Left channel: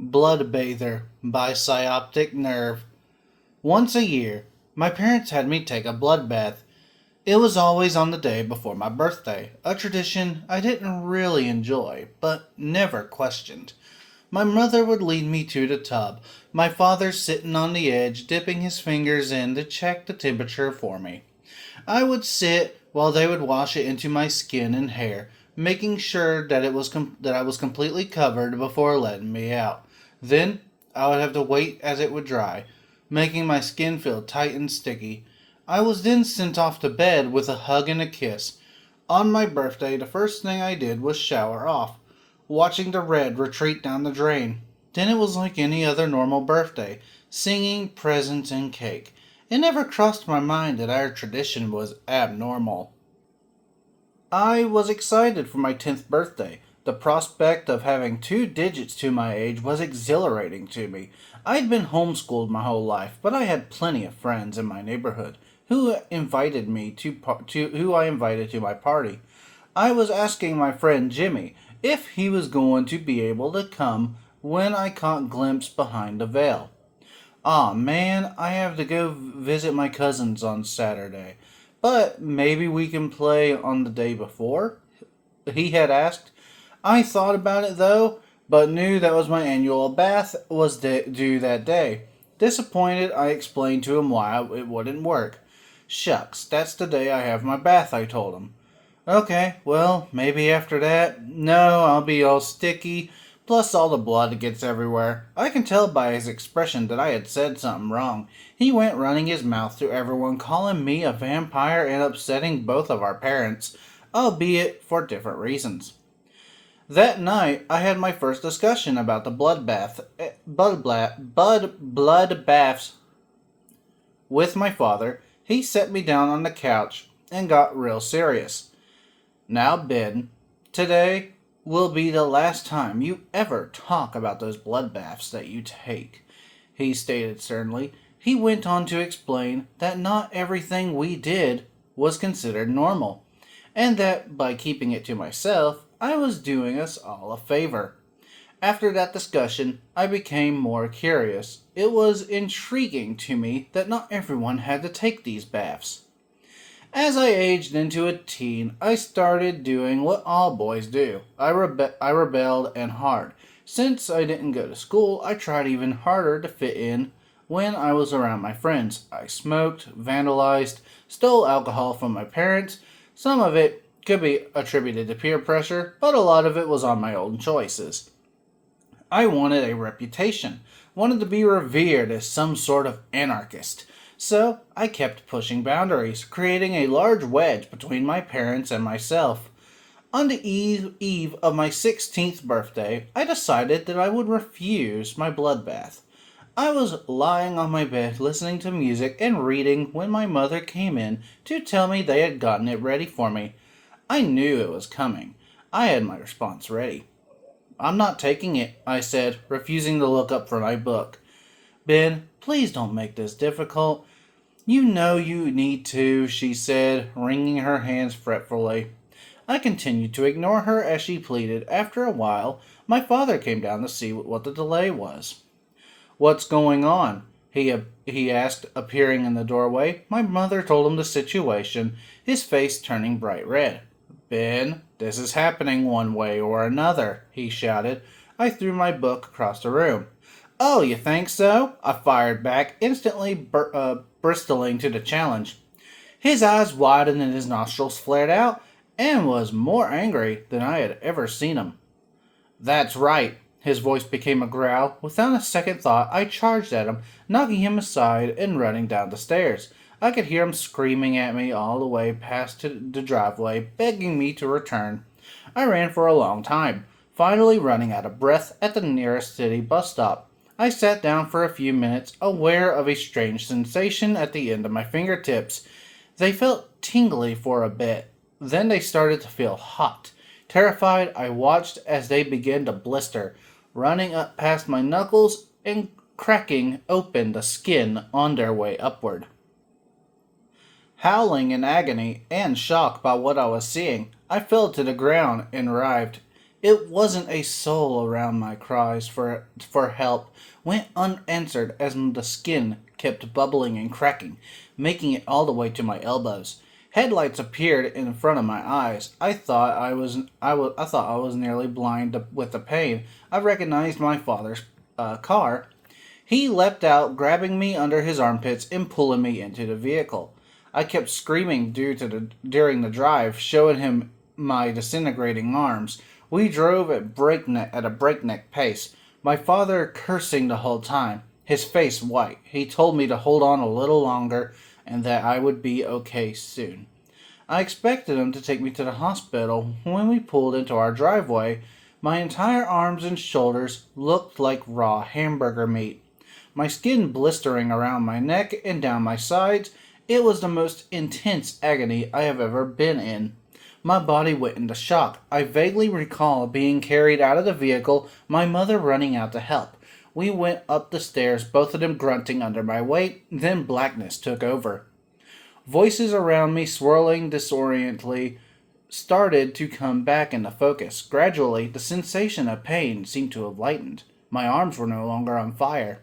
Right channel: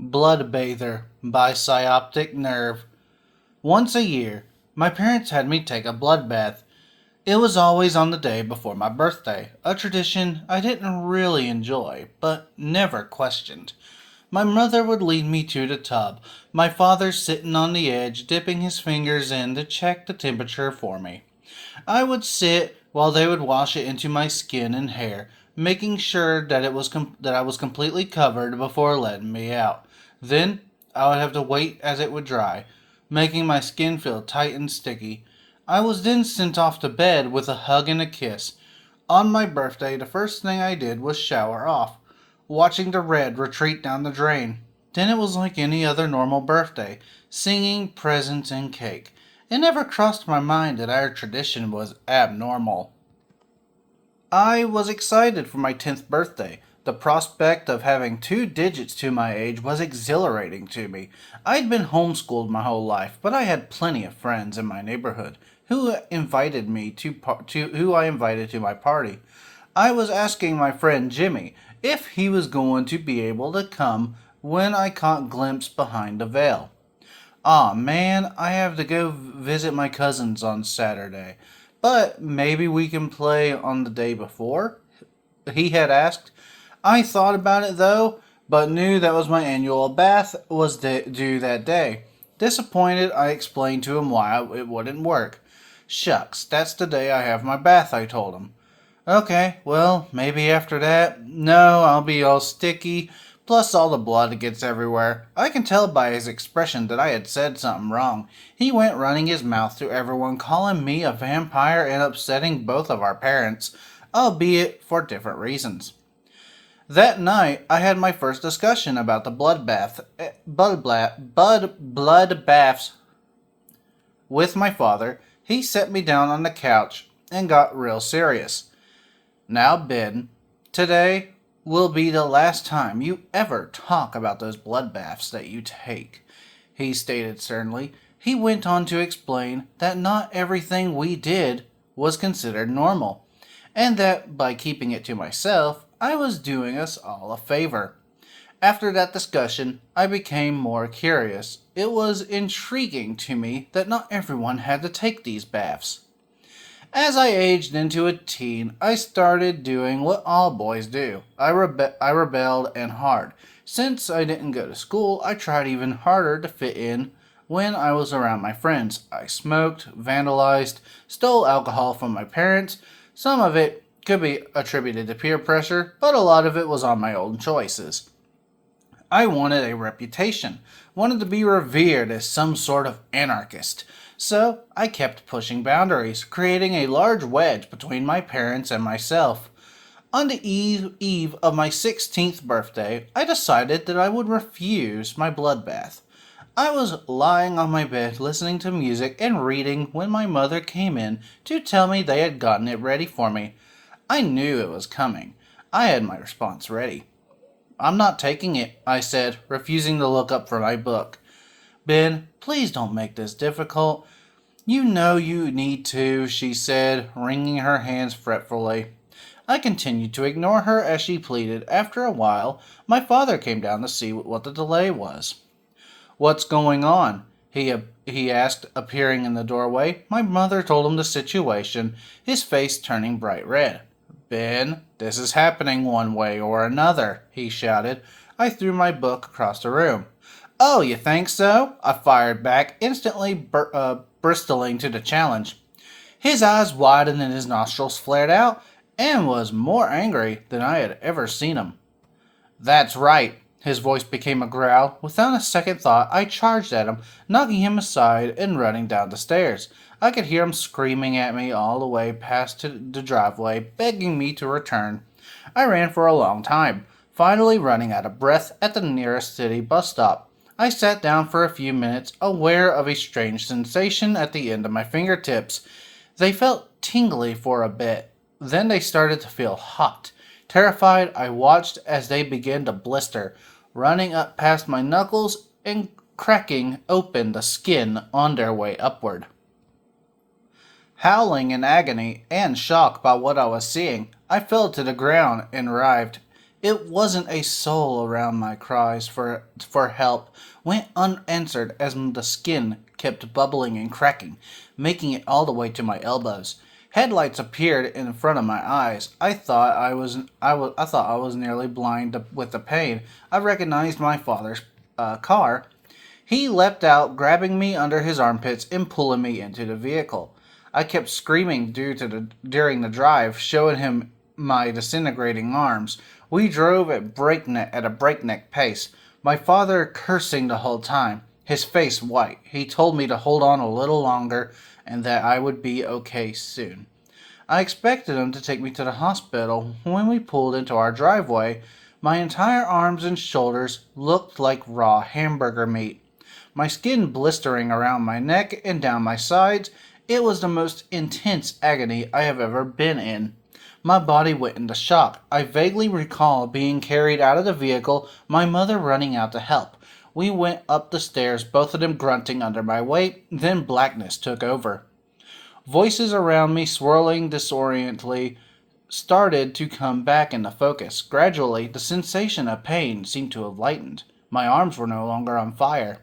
Bloodbather by Psyopticnerve. Once a year, my parents had me take a blood bath. It was always on the day before my birthday, a tradition I didn't really enjoy, but never questioned. My mother would lead me to the tub, my father sitting on the edge, dipping his fingers in to check the temperature for me. I would sit while they would wash it into my skin and hair, making sure that that I was completely covered before letting me out. Then I would have to wait as it would dry, making my skin feel tight and sticky. I was then sent off to bed with a hug and a kiss. On my birthday, the first thing I did was shower off, watching the red retreat down the drain. Then it was like any other normal birthday, singing, presents, and cake. It never crossed my mind that our tradition was abnormal. I was excited for my 10th birthday. The prospect of having two digits to my age was exhilarating to me. I'd been homeschooled my whole life, but I had plenty of friends in my neighborhood who I invited to my party. I was asking my friend Jimmy if he was going to be able to come when I caught glimpse behind the veil. Aw man, I have to go visit my cousins on Saturday. But maybe we can play on the day before? He had asked. I thought about it though, but knew that was my annual bath was due that day. Disappointed, I explained to him why it wouldn't work. Shucks, that's the day I have my bath, I told him. Okay, well, maybe after that. No, I'll be all sticky. Plus, all the blood gets everywhere. I can tell by his expression that I had said something wrong. He went running his mouth to everyone, calling me a vampire and upsetting both of our parents, albeit for different reasons. That night, I had my first discussion about the blood baths with my father. He set me down on the couch and got real serious. Now, Ben, today will be the last time you ever talk about those bloodbaths that you take, he stated sternly. He went on to explain that not everything we did was considered normal, and that by keeping it to myself, I was doing us all a favor. After that discussion, I became more curious. It was intriguing to me that not everyone had to take these baths. As I aged into a teen, I started doing what all boys do. I rebelled and hard. Since I didn't go to school, I tried even harder to fit in when I was around my friends. I smoked, vandalized, stole alcohol from my parents. Some of it could be attributed to peer pressure, but a lot of it was on my own choices. I wanted a reputation, wanted to be revered as some sort of anarchist. So I kept pushing boundaries, creating a large wedge between my parents and myself. On the eve of my 16th birthday, I decided that I would refuse my bloodbath. I was lying on my bed listening to music and reading when my mother came in to tell me they had gotten it ready for me. I knew it was coming. I had my response ready. I'm not taking it, I said, refusing to look up from my book. Ben, please don't make this difficult. You know you need to, she said, wringing her hands fretfully. I continued to ignore her as she pleaded. After a while, my father came down to see what the delay was. What's going on? He asked, appearing in the doorway. My mother told him the situation, his face turning bright red. Ben, this is happening one way or another, he shouted. I threw my book across the room. Oh, you think so? I fired back, instantly bristling to the challenge. His eyes widened and his nostrils flared out, and was more angry than I had ever seen him. That's right. His voice became a growl. Without a second thought, I charged at him, knocking him aside and running down the stairs. I could hear him screaming at me all the way past to the driveway, begging me to return. I ran for a long time, finally running out of breath at the nearest city bus stop. I sat down for a few minutes, aware of a strange sensation at the end of my fingertips. They felt tingly for a bit. Then they started to feel hot. Terrified, I watched as they began to blister, running up past my knuckles and cracking open the skin on their way upward. Howling in agony and shock by what I was seeing, I fell to the ground and writhed It wasn't a soul around. My cries for help went unanswered as the skin kept bubbling and cracking, making it all the way to my elbows. Headlights appeared in front of my eyes. I thought I was nearly blind with the pain. I recognized my father's car. He leapt out, grabbing me under his armpits and pulling me into the vehicle. I kept screaming during the drive, showing him my disintegrating arms. We drove at a breakneck pace, my father cursing the whole time, his face white. He told me to hold on a little longer and that I would be okay soon. I expected him to take me to the hospital. When we pulled into our driveway, my entire arms and shoulders looked like raw hamburger meat. My skin blistering around my neck and down my sides. It was the most intense agony I have ever been in. My body went into shock. I vaguely recall being carried out of the vehicle, my mother running out to help. We went up the stairs, both of them grunting under my weight. Then blackness took over. Voices around me, swirling disorientally, started to come back into focus. Gradually, the sensation of pain seemed to have lightened. My arms were no longer on fire.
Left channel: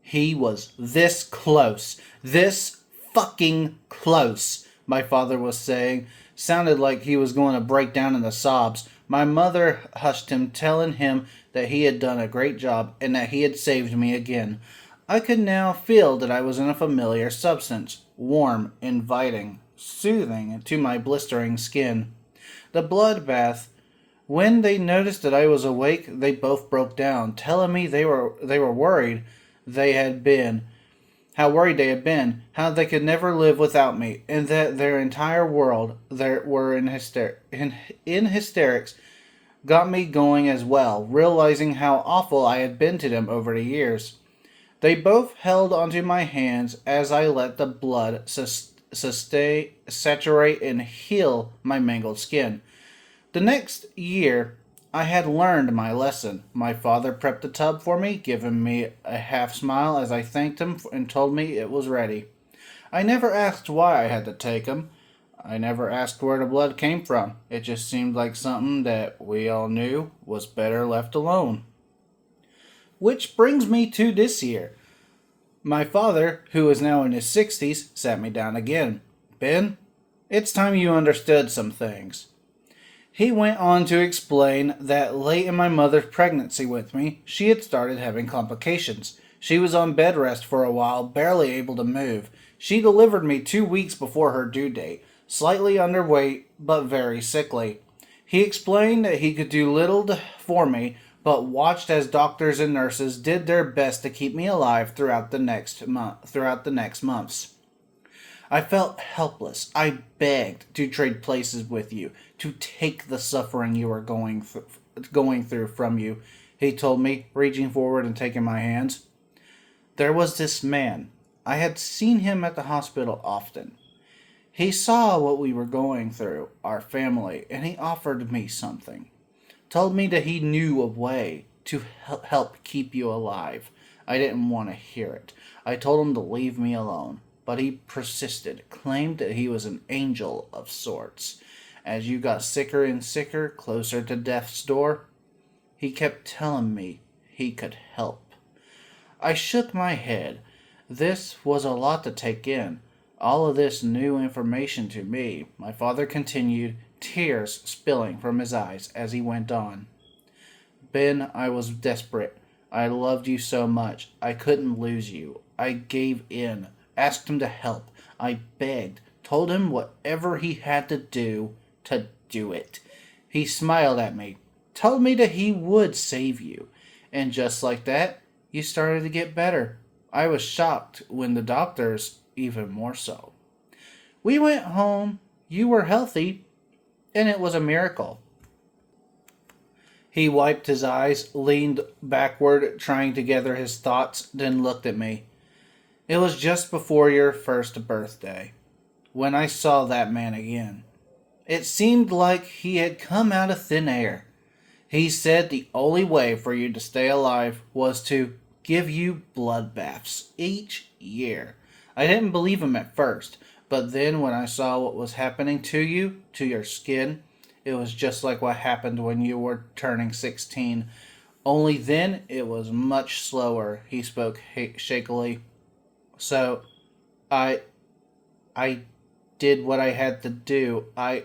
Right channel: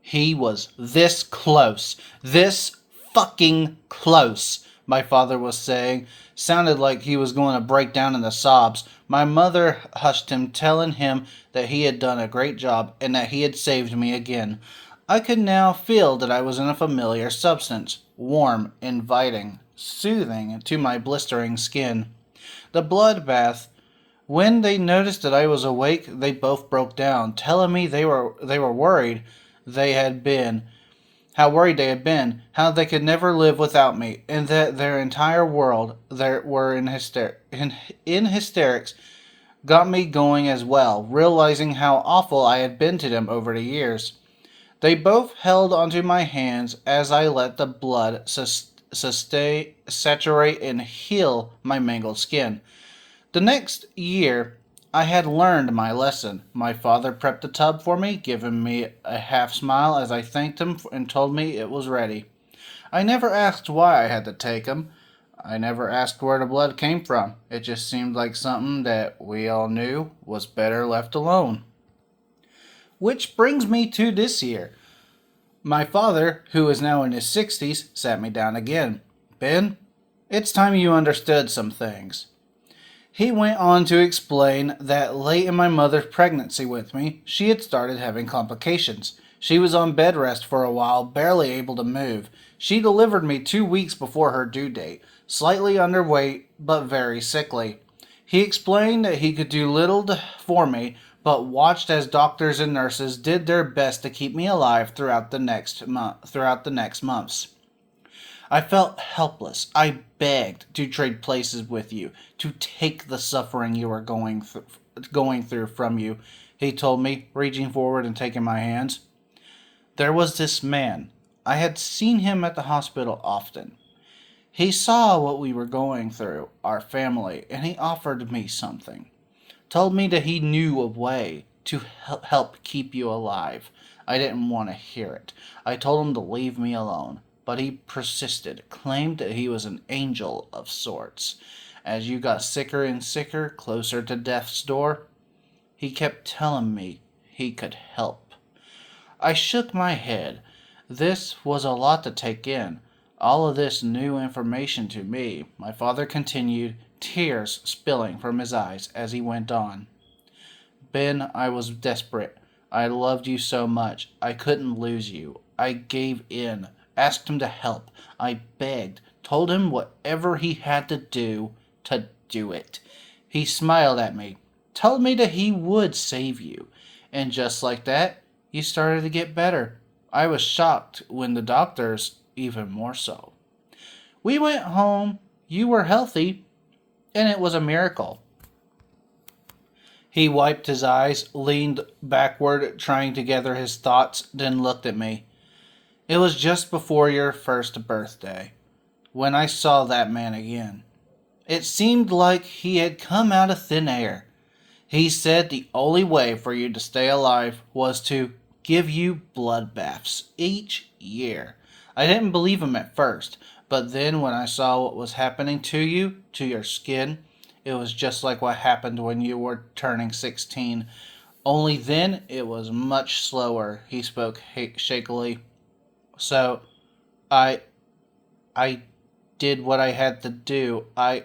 He was this close. This fucking close, my father was saying. Sounded like he was going to break down into sobs. My mother hushed him, telling him that he had done a great job and that he had saved me again. I could now feel that I was in a familiar substance, warm, inviting, soothing to my blistering skin. The bloodbath. When they noticed that I was awake, they both broke down, telling me they were worried they had been, how worried they had been, how they could never live without me, and that their entire world were in hysterics. Got me going as well, realizing how awful I had been to them over the years. They both held onto my hands as I let the blood saturate and heal my mangled skin. The next year, I had learned my lesson. My father prepped the tub for me, giving me a half smile as I thanked him and told me it was ready. I never asked why I had to take him. I never asked where the blood came from. It just seemed like something that we all knew was better left alone. Which brings me to this year. My father, who is now in his 60s, sat me down again. Ben, it's time you understood some things. He went on to explain that late in my mother's pregnancy with me, she had started having complications. She was on bed rest for a while, barely able to move. She delivered me 2 weeks before her due date, slightly underweight, but very sickly. He explained that he could do little for me, but watched as doctors and nurses did their best to keep me alive throughout the next months. I felt helpless. I begged to trade places with you, to take the suffering you are going through from you, he told me, reaching forward and taking my hands. There was this man. I had seen him at the hospital often. He saw what we were going through, our family, and he offered me something. Told me that he knew a way to help keep you alive. I didn't want to hear it. I told him to leave me alone, but he persisted, claimed that he was an angel of sorts. As you got sicker and sicker, closer to death's door, he kept telling me he could help. I shook my head. This was a lot to take in. All of this new information to me. My father continued, tears spilling from his eyes as he went on. Ben, I was desperate. I loved you so much. I couldn't lose you. I gave in, asked him to help. I begged, told him whatever he had to do it. He smiled at me, told me that he would save you. And just like that, you started to get better. I was shocked when the doctors, even more so. We went home. You were healthy, and it was a miracle. He wiped his eyes, leaned backward, trying to gather his thoughts, then looked at me. It was just before your first birthday, when I saw that man again. It seemed like he had come out of thin air. He said the only way for you to stay alive was to give you bloodbaths each year. I didn't believe him at first, but then when I saw what was happening to you, to your skin, It was just like what happened when you were turning 16. Only then it was much slower, he spoke shakily. So, I I did what I had to do. I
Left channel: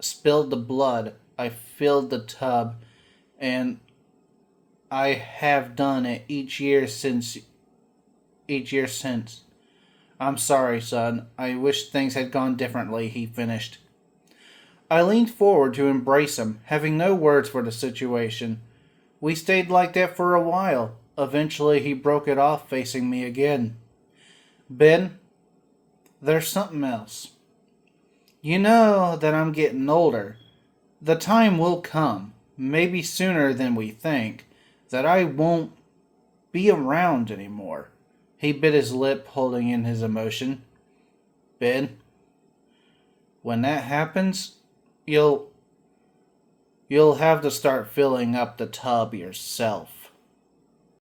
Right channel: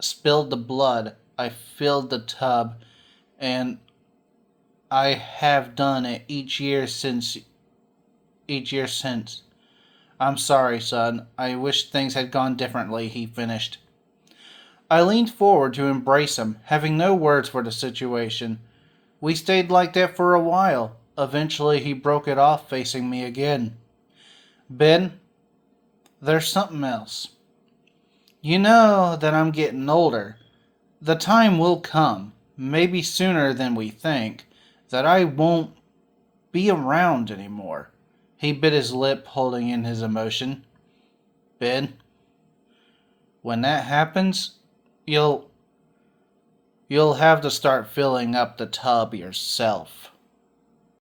spilled the blood. I filled the tub, and I have done it each year since. I'm sorry, son. I wish things had gone differently, he finished. I leaned forward to embrace him, having no words for the situation. We stayed like that for a while. Eventually, he broke it off, facing me again. Ben, there's something else. You know that I'm getting older. The time will come, maybe sooner than we think, that I won't be around anymore. He bit his lip, holding in his emotion. Ben, when that happens, you'll you'll have to start filling up the tub yourself.